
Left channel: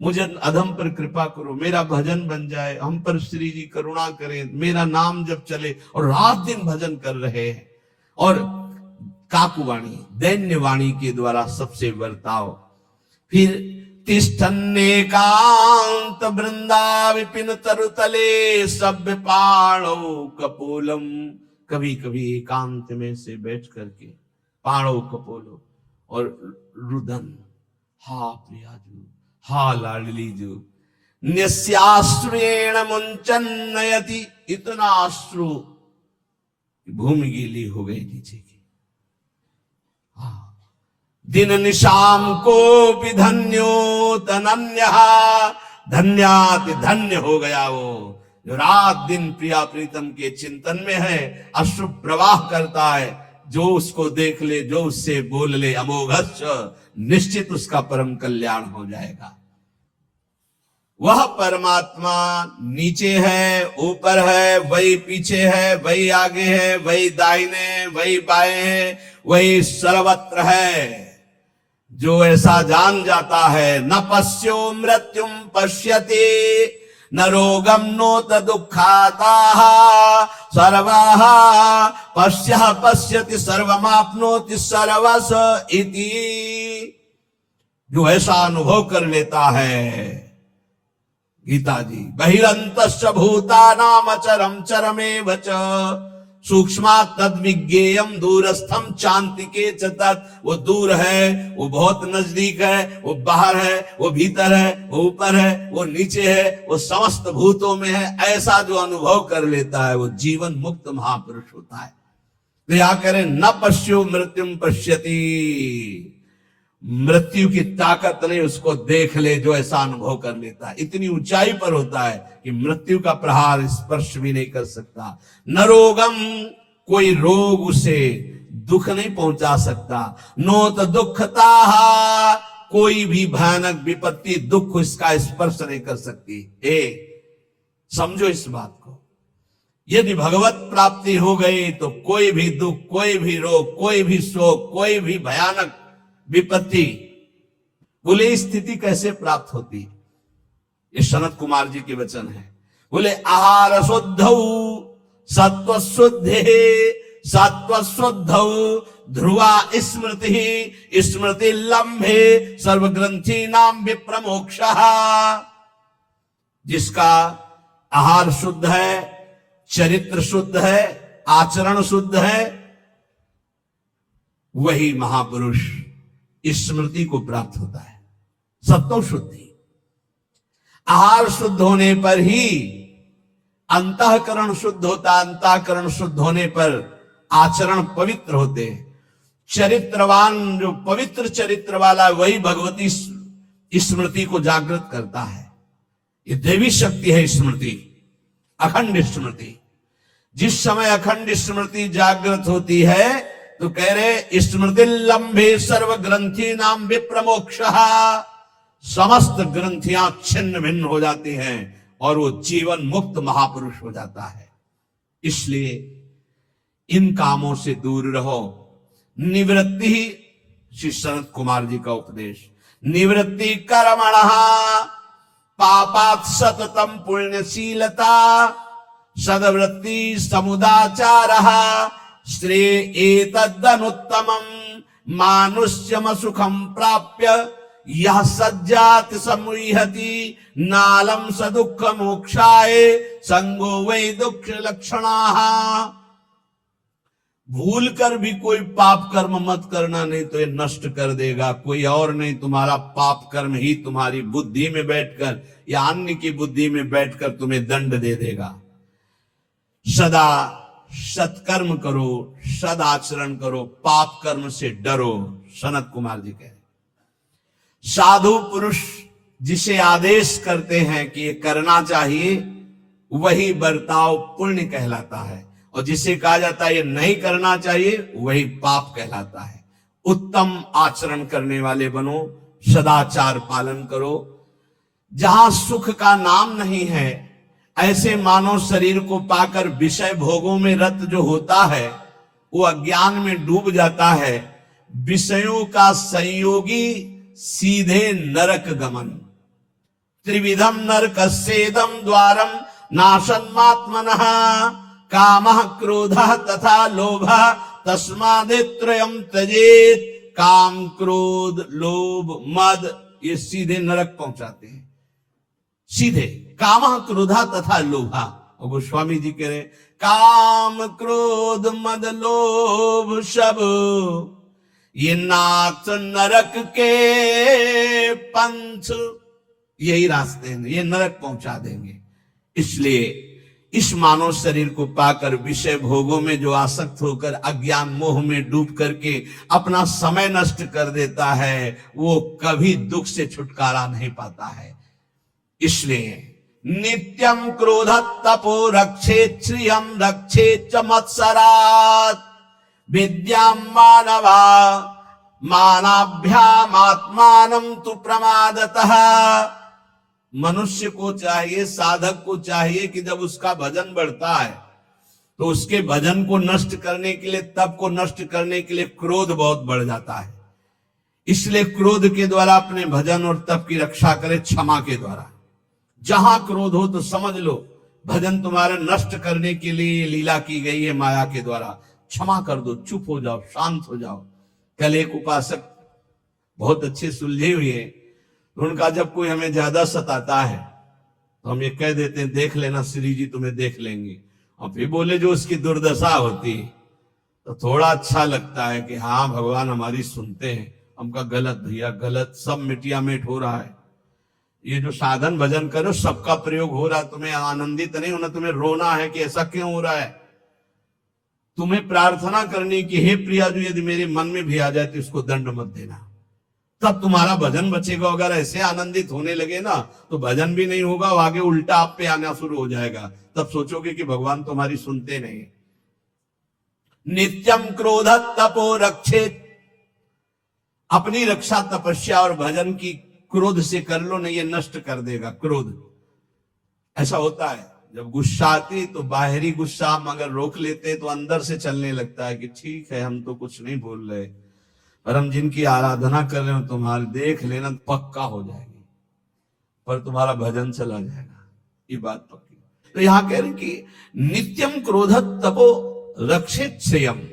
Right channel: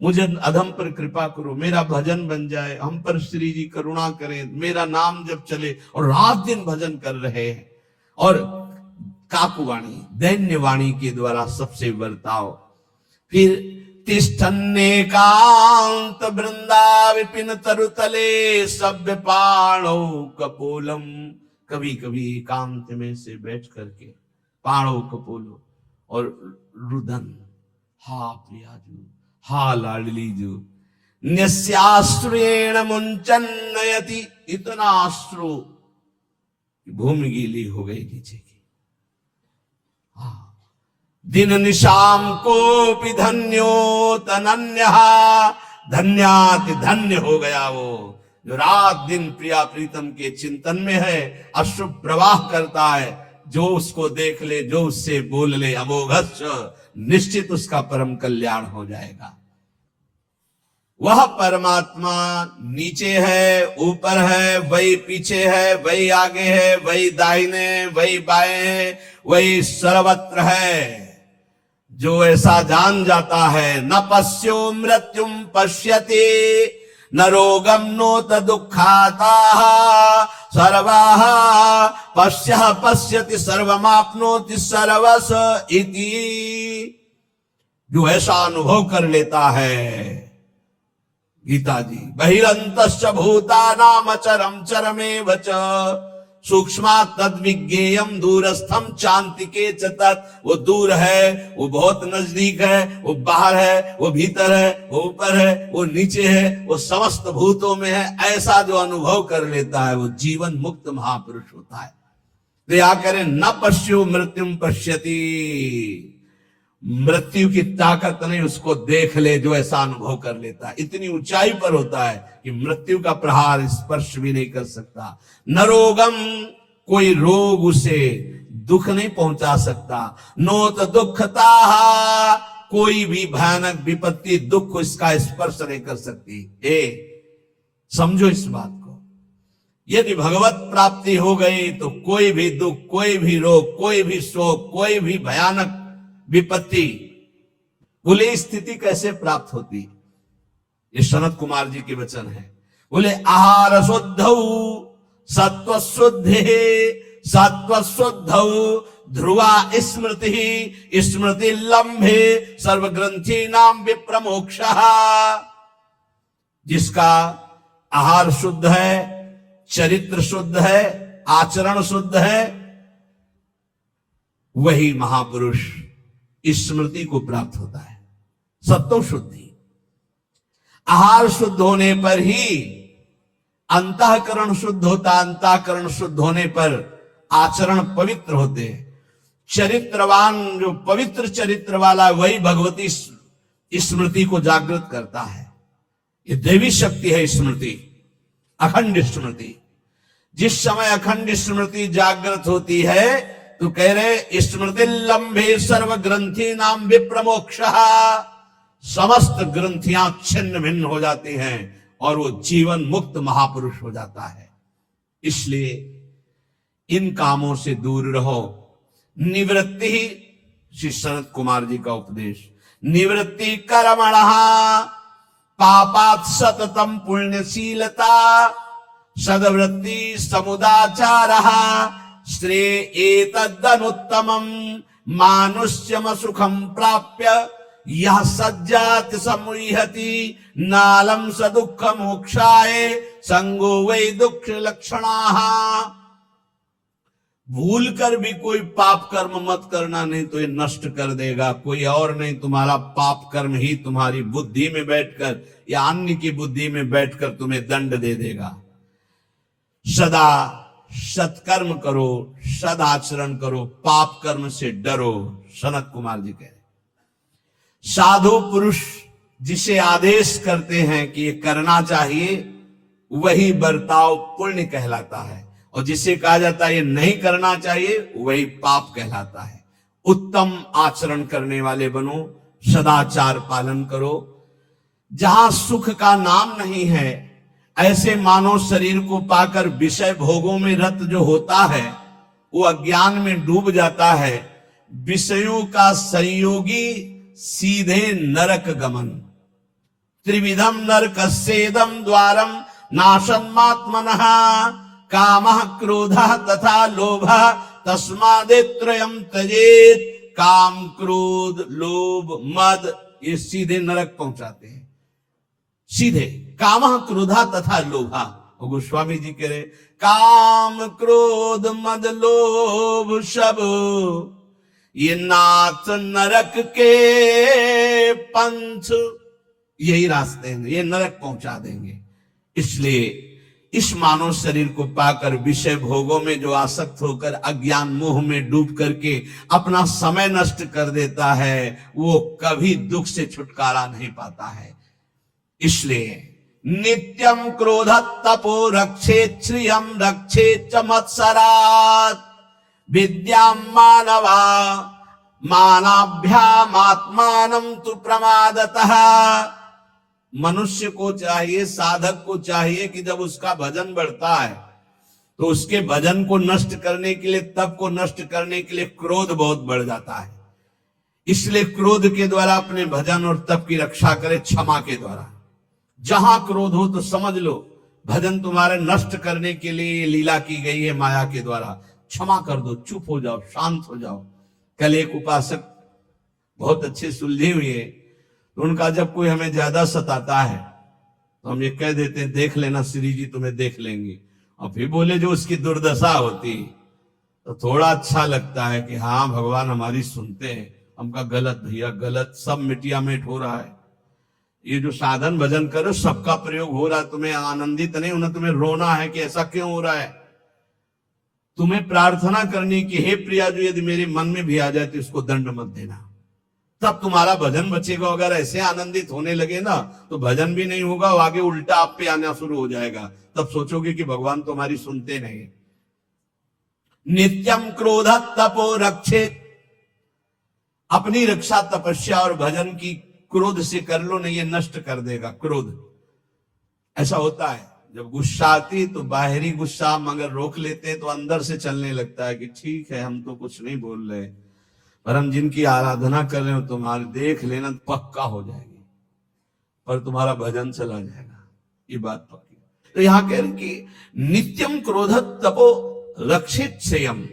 मुझे अधम पर कृपा करो, मेरा भजन बन जाए, हम पर श्री जी करुणा करें, मेरा नाम जब चले। और रात दिन भजन कर रहे हैं। और काकुवाणी, दैन्य वाणी के द्वारा सबसे बर्ताव। फिर तिष्ठन्नेकांत वृंदा विपिन तरुतले सभ्य पाणो कपोलम, कभी कभी एकांत में से बैठ करके पाणो कपोलो और रुदन, हा प्रियाजू, हा लाडलीजू, न्यस्याश्रुएण मुंचन नयति, इतना अश्रु भूमि गीली हो गई नीचे की। दिन निशाम को भी धन्यो तनन्य, धन्याति धन्य हो गया वो जो रात दिन प्रिया प्रीतम के चिंतन में है, अश्रु प्रवाह करता है। जो उसको देख ले, जो उससे बोल ले, अमोघश्च, निश्चित उसका परम कल्याण हो जाएगा। वह परमात्मा नीचे है, ऊपर है, वही पीछे है, वही आगे है, वही दाहिने, वही बाएं है, वही सर्वत्र है। जो ऐसा जान जाता है, न पश्यो मृत्युम पश्यति न रोगम नोत दुखाता सर्वः पश्यः पश्यति सर्वमाप्नोति सर्वस इति। जो ऐसा अनुभव कर लेता है, गीता जी, बहिरंतश्च भूतानाम अचरम चरमेव च सूक्ष्मात् तद्विज्ञेयम दूरस्थम चान्तिके च तत्। वो दूर है, वो बहुत नजदीक है, वो बाहर है, वो भीतर है, वो ऊपर है, वो नीचे है, वो समस्त भूतों में है। ऐसा जो अनुभव कर लेता है वो जीवन मुक्त महापुरुष होता है। तो या करें, न पश्यु मृत्युम पश्यति, मृत्यु की ताकत नहीं उसको देख ले जो ऐसा अनुभव कर लेता है। इतनी ऊंचाई पर होता है कि मृत्यु का प्रहार स्पर्श भी नहीं कर सकता। न रोगम, कोई रोग उसे दुख नहीं पहुंचा सकता। नोत दुखता, कोई भी भयानक विपत्ति दुख इसका स्पर्श नहीं कर सकती। समझो इस बात को। यदि भगवत प्राप्ति हो गई तो कोई भी दुख, कोई भी रोग, कोई भी शोक, कोई भी भयानक विपत्ति, बोले स्थिति कैसे प्राप्त होती? ये सनत कुमार जी के वचन है। बोले आहार शुद्धौ सत्व शुद्धे सत्व शुद्धौ ध्रुवा स्मृति स्मृति लंबे सर्वग्रंथि नाम विप्रमोक्ष। जिसका आहार शुद्ध है, चरित्र शुद्ध है, आचरण शुद्ध है, वही महापुरुष स्मृति को प्राप्त होता है। सत्व शुद्धि, आहार शुद्ध होने पर ही अंतःकरण शुद्ध होता, अंतःकरण शुद्ध होने पर आचरण पवित्र होते। चरित्रवान, जो पवित्र चरित्र वाला, वही भगवती स्मृति को जागृत करता है। ये दैवी शक्ति है स्मृति, अखंड स्मृति। जिस समय अखंड स्मृति जागृत होती है तो कह रहे स्मृति लंबे सर्व ग्रंथि नाम विप्रमोक्ष, समस्त ग्रंथियां छिन्न भिन्न हो जाती हैं और वो जीवन मुक्त महापुरुष हो जाता है। इसलिए इन कामों से दूर रहो। निवृत्ति, श्री सनत कुमार जी का उपदेश, निवृत्ति कर्मणः पापात् सततम पुण्यशीलता सद्वृत्ति समुदाचारः श्रेय एतदनुत्तमं मानुष्यम सुखम प्राप्य यह सज्जात समुहति नालम स दुख मोक्षाय संगो वै दुख लक्षणाः। भूल कर भी कोई पाप कर्म मत करना, नहीं तो ये नष्ट कर देगा। कोई और नहीं, तुम्हारा पाप कर्म ही तुम्हारी बुद्धि में बैठकर या अन्य की बुद्धि में बैठकर तुम्हें दंड दे देगा। सदा सत्कर्म करो, सदाचरण करो, पाप कर्म से डरो। सनत कुमार जी कह रहे, साधु पुरुष जिसे आदेश करते हैं कि ये करना चाहिए, वही बर्ताव पुण्य कहलाता है, और जिसे कहा जाता है ये नहीं करना चाहिए, वही पाप कहलाता है। उत्तम आचरण करने वाले बनो, सदाचार पालन करो। जहां सुख का नाम नहीं है, ऐसे मानव शरीर को पाकर विषय भोगों में रत जो होता है, वो अज्ञान में डूब जाता है। विषयों का संयोगी सीधे नरक गमन। त्रिविधम नरकस्येदं द्वारम नाशन्मात्मनः कामः क्रोधः तथा लोभः तस्मादेत्रयम् त्यजेत्। काम, क्रोध, लोभ, मद, ये सीधे नरक पहुंचाते हैं। सीधे कामः क्रोधा तथा लोभा। और गोस्वामी जी कह रहे, काम क्रोध मद लोभ सब ये नाथ नरक के पंथ। यही रास्ते हैं, ये नरक पहुंचा देंगे। इसलिए इस मानव शरीर को पाकर विषय भोगों में जो आसक्त होकर अज्ञान मोह में डूब करके अपना समय नष्ट कर देता है, वो कभी दुख से छुटकारा नहीं पाता है। इसलिए नित्यम क्रोध तपो रक्षेत् श्रियं रक्षेत् च मत्सरात् विद्यां मानवा मानाभ्याम आत्मानं तु प्रमादतः। मनुष्य को चाहिए, साधक को चाहिए कि जब उसका भजन बढ़ता है तो उसके भजन को नष्ट करने के लिए, तप को नष्ट करने के लिए क्रोध बहुत बढ़ जाता है। इसलिए क्रोध के द्वारा अपने भजन और तप की रक्षा करे क्षमा के द्वारा। जहां क्रोध हो तो समझ लो भजन तुम्हारे नष्ट करने के लिए लीला की गई है माया के द्वारा। क्षमा कर दो, चुप हो जाओ, शांत हो जाओ। कल एक उपासक बहुत अच्छे सुलझे हुए, उनका जब कोई हमें ज्यादा सताता है तो हम ये कह देते हैं देख लेना श्री जी तुम्हें देख लेंगे, और फिर बोले जो उसकी दुर्दशा होती तो थोड़ा अच्छा लगता है कि हाँ भगवान हमारी सुनते हैं। हमका गलत भैया गलत, सब मिटिया मेट हो रहा है। ये जो साधन भजन करो सबका प्रयोग हो रहा है, तुम्हें आनंदित नहीं होना, तुम्हें रोना है कि ऐसा क्यों हो रहा है। तुम्हें प्रार्थना करनी कि हे प्रिया जो यदि मेरे मन में भी आ जाए तो इसको दंड मत देना, तब तुम्हारा भजन बचेगा। अगर ऐसे आनंदित होने लगे ना तो भजन भी नहीं होगा, आगे उल्टा आप पे आना शुरू हो जाएगा। तब सोचोगे कि भगवान तुम्हारी सुनते नहीं। नित्यम क्रोध तपो रक्षेत, अपनी रक्षा तपस्या और भजन की क्रोध से कर लो, नहीं ये नष्ट कर देगा क्रोध। ऐसा होता है जब गुस्सा आती तो बाहरी गुस्सा हम अगर रोक लेते तो अंदर से चलने लगता है कि ठीक है हम तो कुछ नहीं बोल रहे, पर हम जिनकी आराधना कर रहे हो तुम्हारे देख लेना पक्का हो जाएगी, पर तुम्हारा भजन चला जाएगा, ये बात पक्की। तो यहां कह रहे कि नित्यम क्रोध तपो रक्षित श्रेयम।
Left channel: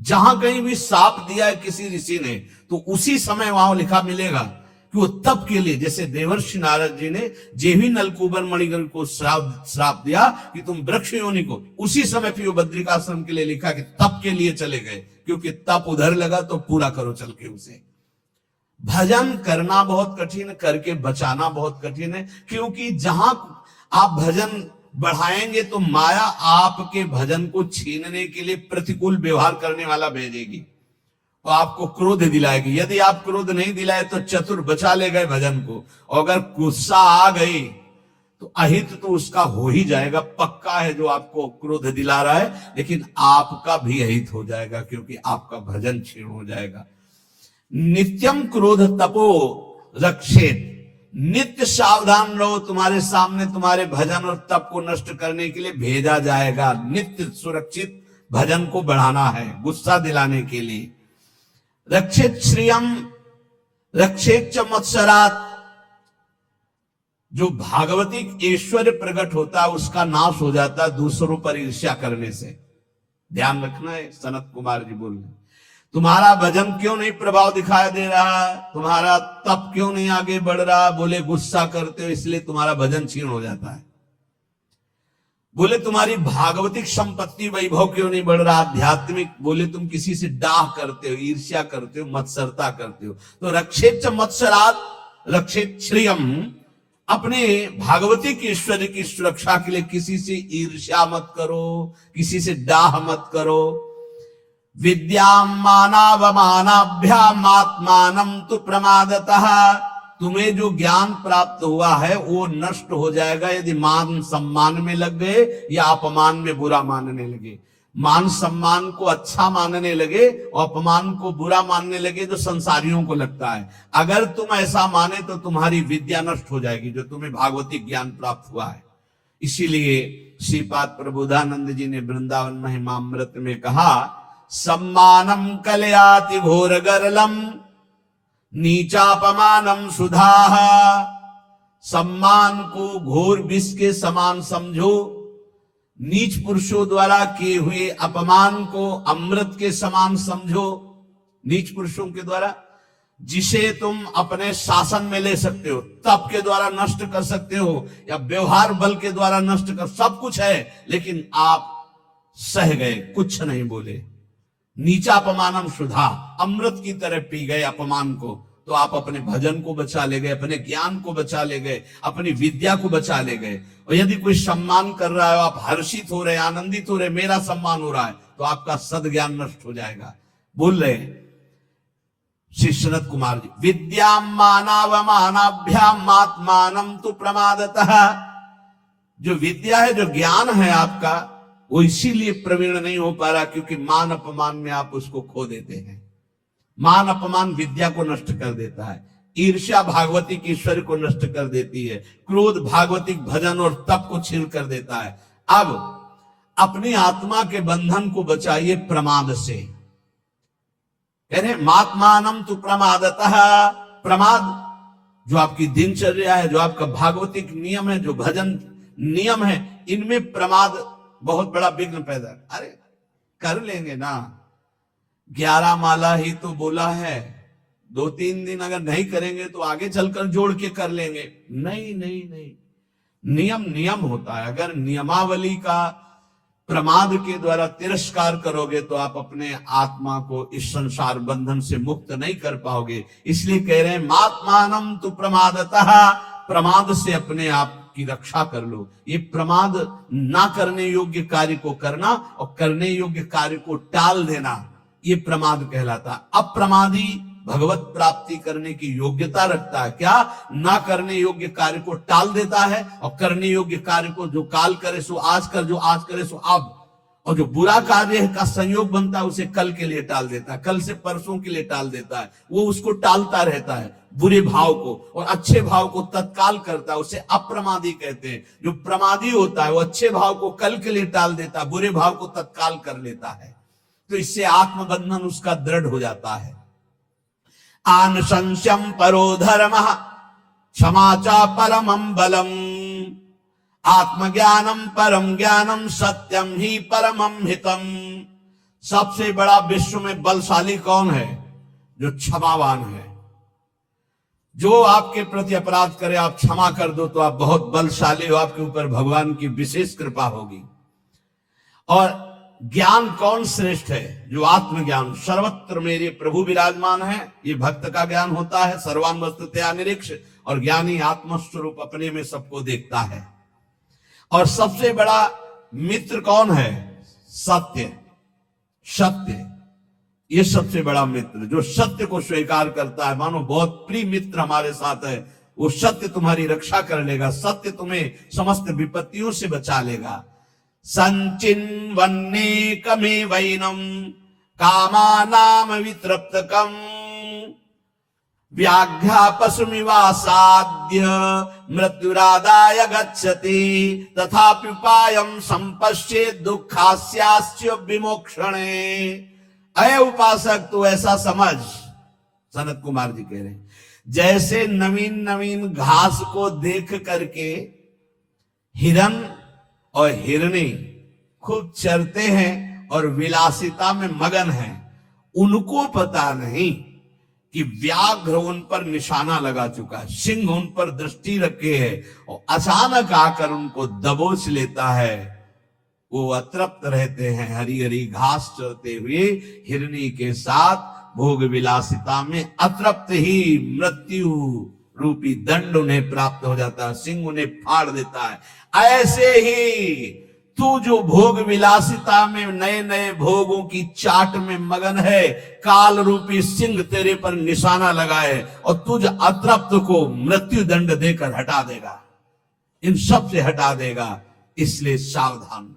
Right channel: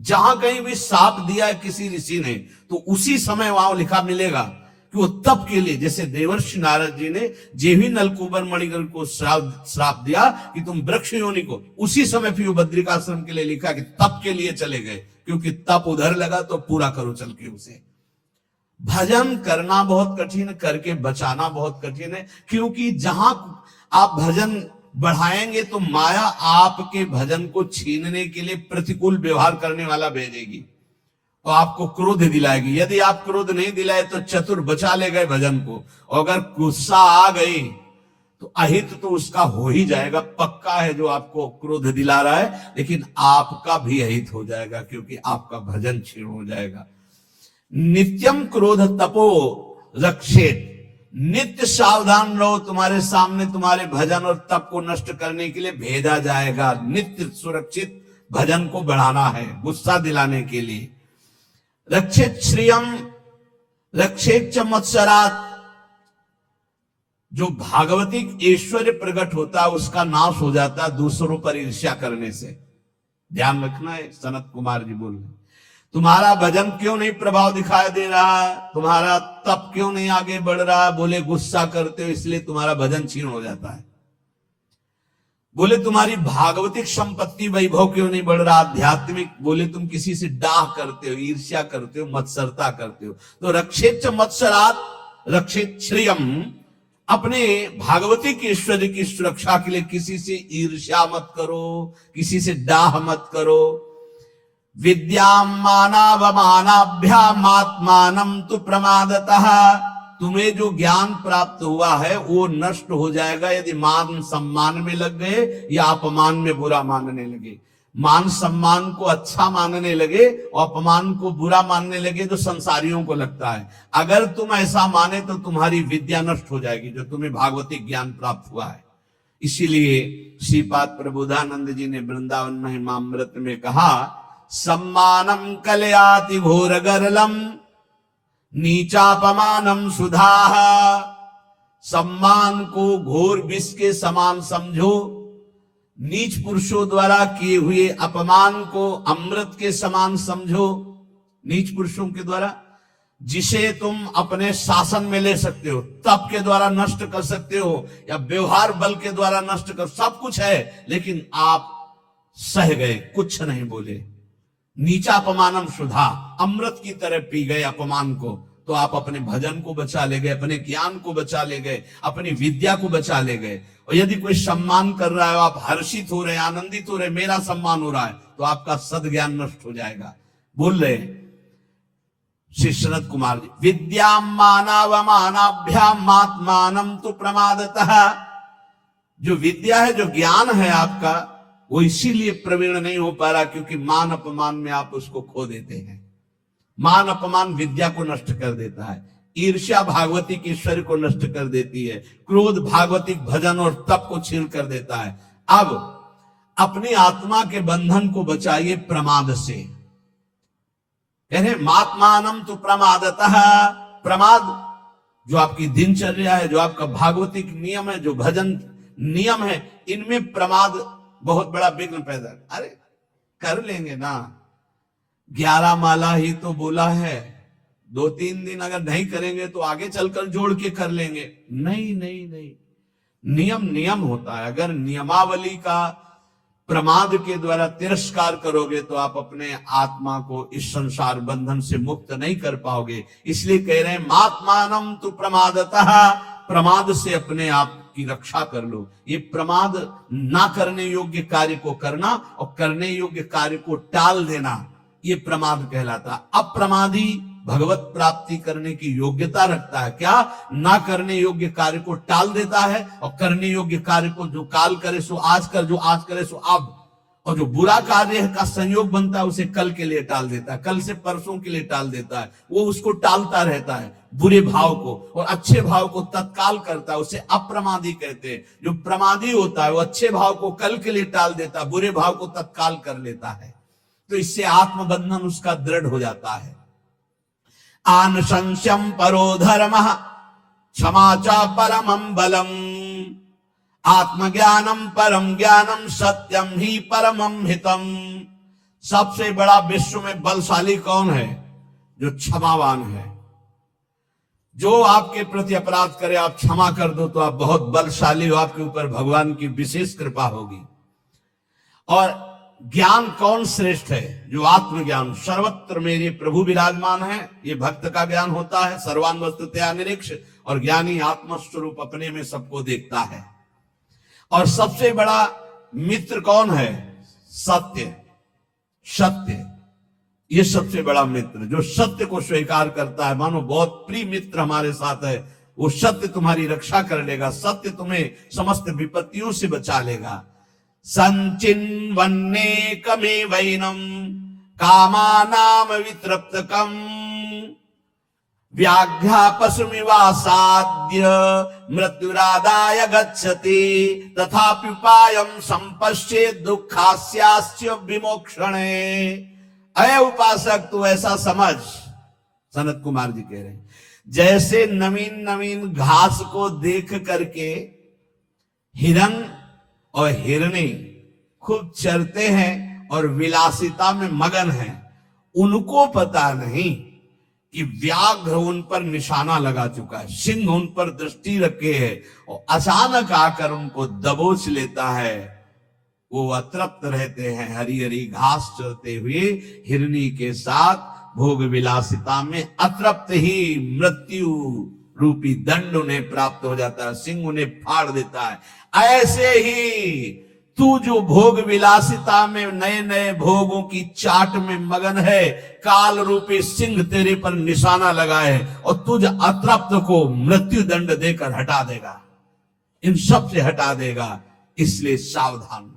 जहां कहीं भी साप दिया है किसी ऋषि ने तो उसी समय वहां लिखा मिलेगा कि वो तप के लिए, जैसे देवर्षि नारद जी ने जेवी नलकूबर मणिग्रह को श्राप दिया कि तुम वृक्ष योनि को, उसी समय फिर वो बद्रिकाश्रम के लिए लिखा कि तप के लिए चले गए, क्योंकि तप उधर लगा तो पूरा करो चल के उसे। भजन करना बहुत कठिन, करके बचाना बहुत कठिन है, क्योंकि जहां आप भजन बढ़ाएंगे तो माया आपके भजन को छीनने के लिए प्रतिकूल व्यवहार करने वाला भेजेगी और आपको क्रोध दिलाएगी। यदि आप क्रोध नहीं दिलाए तो चतुर बचा ले गए भजन को, और अगर गुस्सा आ गई तो अहित तो उसका हो ही जाएगा, पक्का है जो आपको क्रोध दिला रहा है, लेकिन आपका भी अहित हो जाएगा क्योंकि आपका भजन क्षीण हो जाएगा। नित्यम क्रोध तपो रक्षेत, नित्य सावधान रहो, तुम्हारे सामने तुम्हारे भजन और तप को नष्ट करने के लिए भेजा जाएगा। नित्य सुरक्षित भजन को बढ़ाना है गुस्सा दिलाने के लिए। रक्षित श्रियम रक्षित च मत्सरात, जो भागवतिक ऐश्वर्य प्रकट होता है उसका नाश हो जाता है दूसरों पर ईर्ष्या करने से। ध्यान रखना है। सनत कुमार जी बोल रहे तुम्हारा भजन क्यों नहीं प्रभाव दिखाई दे रहा, तुम्हारा तप क्यों नहीं आगे बढ़ रहा, बोले गुस्सा करते हो इसलिए तुम्हारा भजन क्षीण हो जाता है। बोले तुम्हारी भागवतिक संपत्ति वैभव क्यों नहीं बढ़ रहा, आध्यात्मिक, बोले तुम किसी से डाह करते हो, ईर्ष्या करते हो, मत्सरता करते हो। तो रक्षेत मत्सरात रक्षित श्रियम, अपने भागवतिक ऐश्वर्य की सुरक्षा के लिए किसी से ईर्ष्या मत करो, किसी से डाह मत करो। विद्याम मानावमानाभ्याम आत्मानं तु प्रमादतः, तुम्हें जो ज्ञान प्राप्त हुआ है वो नष्ट हो जाएगा यदि मान सम्मान में लग गए या अपमान में बुरा मानने लगे। मान सम्मान को अच्छा मानने लगे और अपमान को बुरा मानने लगे जो संसारियों को लगता है। अगर तुम ऐसा माने तो तुम्हारी विद्या नष्ट हो जाएगी जो तुम्हें भागवतिक ज्ञान प्राप्त हुआ है। इसीलिए श्रीपाद प्रबोधानंद जी ने वृंदावन महिमामृत में कहा, सम्मानम कलयाति घोर गरलम नीचापमानम सुधाः, सम्मान को घोर विष के समान समझो, नीच पुरुषों द्वारा किए हुए अपमान को अमृत के समान समझो। नीच पुरुषों के द्वारा जिसे तुम अपने शासन में ले सकते हो, तप के द्वारा नष्ट कर सकते हो या व्यवहार बल के द्वारा नष्ट कर, सब कुछ है, लेकिन आप सह गए, कुछ नहीं बोले। नीचा अपमानम सुधा, अमृत की तरह पी गए अपमान को, तो आप अपने भजन को बचा ले गए, अपने ज्ञान को बचा ले गए, अपनी विद्या को बचा ले गए। और यदि कोई सम्मान कर रहा है, आप हर्षित हो रहे, आनंदित हो रहे, मेरा सम्मान हो रहा है, तो आपका सद्ज्ञान नष्ट हो जाएगा। बोल रहे श्री शरद कुमार जी, विद्याम मानावमानाभ्याम आत्मानं तु प्रमादतः, जो विद्या है, जो ज्ञान है आपका, वो इसीलिए प्रवीण नहीं हो पा रहा क्योंकि मान अपमान में आप उसको खो देते हैं। मान अपमान विद्या को नष्ट कर देता है, ईर्ष्या भागवतिक ईश्वर को नष्ट कर देती है, क्रोध भागवतिक भजन और तप को छीन कर देता है। अब अपनी आत्मा के बंधन को बचाइए प्रमाद से। कह रहे मात्मानम तु प्रमादतः, प्रमाद जो आपकी दिनचर्या है, जो आपका भागवतिक नियम है, जो भजन नियम है, इनमें प्रमाद बहुत बड़ा विघ्न पैदा। अरे कर लेंगे ना, 11 माला ही तो बोला है, 2-3 दिन अगर नहीं करेंगे तो आगे चलकर जोड़ के कर लेंगे। नहीं नहीं नहीं, नियम नियम होता है। अगर नियमावली का प्रमाद के द्वारा तिरस्कार करोगे तो आप अपने आत्मा को इस संसार बंधन से मुक्त नहीं कर पाओगे। इसलिए कह रहे हैं मात्मानम तु प्रमादतः, प्रमाद से अपने आप की रक्षा कर लो। ये प्रमाद ना करने योग्य कार्य को करना और करने योग्य कार्य को टाल देना, ये प्रमाद कहलाता। अप्रमादी भगवत प्राप्ति करने की योग्यता रखता है। क्या? ना करने योग्य कार्य को टाल देता है और करने योग्य कार्य को जो काल करे सो आज कर, जो आज करे सो अब, और जो बुरा कार्य का संयोग बनता है उसे कल के लिए टाल देता है, कल से परसों के लिए टाल देता है। वो उसको टालता रहता है बुरे भाव को, और अच्छे भाव को तत्काल करता है, उसे अप्रमादी कहते हैं। जो प्रमादी होता है वो अच्छे भाव को कल के लिए टाल देता है, बुरे भाव को तत्काल कर लेता है। तो इससे आत्मबंधन उसका दृढ़ हो जाता है। आनुशंस्यम परो धर्मः क्षमा च परमं बलम, आत्मज्ञानम परम ज्ञानम सत्यम ही परमं हितम। सबसे बड़ा विश्व में बलशाली कौन है? जो क्षमावान है। जो आपके प्रति अपराध करे आप क्षमा कर दो तो आप बहुत बलशाली हो, आपके ऊपर भगवान की विशेष कृपा होगी। और ज्ञान कौन श्रेष्ठ है? जो आत्मज्ञान, सर्वत्र मेरे प्रभु विराजमान है, ये भक्त का ज्ञान होता है। सर्वान वस्तुतया निरीक्ष, और ज्ञानी आत्मस्वरूप अपने में सबको देखता है। और सबसे बड़ा मित्र कौन है? सत्य, सत्य, ये सबसे बड़ा मित्र जो सत्य को स्वीकार करता है। मानो बहुत प्रिय मित्र हमारे साथ है, वो सत्य तुम्हारी रक्षा कर लेगा, सत्य तुम्हें समस्त विपत्तियों से बचा लेगा। संचिन्वन्नेकमेवैनं कामानाम वितृप्तकम व्याघ्यापशुमिवासाद्य मृत्युरादाय गच्छति तथाप्युपायं संपश्येत् दुःखास्यास्य विमोक्षणे। अय उपासक तू ऐसा समझ, सनत कुमार जी कह रहे हैं, जैसे नवीन नवीन घास को देख करके हिरन और हिरनी खूब चरते हैं और विलासिता में मगन हैं, उनको पता नहीं कि व्याघ्र उन पर निशाना लगा चुका है, सिंह उन पर दृष्टि रखे है और अचानक आकर उनको दबोच लेता है। वो अतृप्त रहते हैं, हरी हरी घास चरते हुए हिरनी के साथ भोग विलासिता में अतृप्त ही मृत्यु रूपी दंड उन्हें प्राप्त हो जाता है, सिंह उन्हें फाड़ देता है। ऐसे ही तू जो भोग विलासिता में नए नए भोगों की चाट में मगन है, काल रूपी सिंह तेरे पर निशाना लगाए और तुझ अतृप्त को मृत्यु दंड देकर हटा देगा, इन सब से हटा देगा। इसलिए सावधान।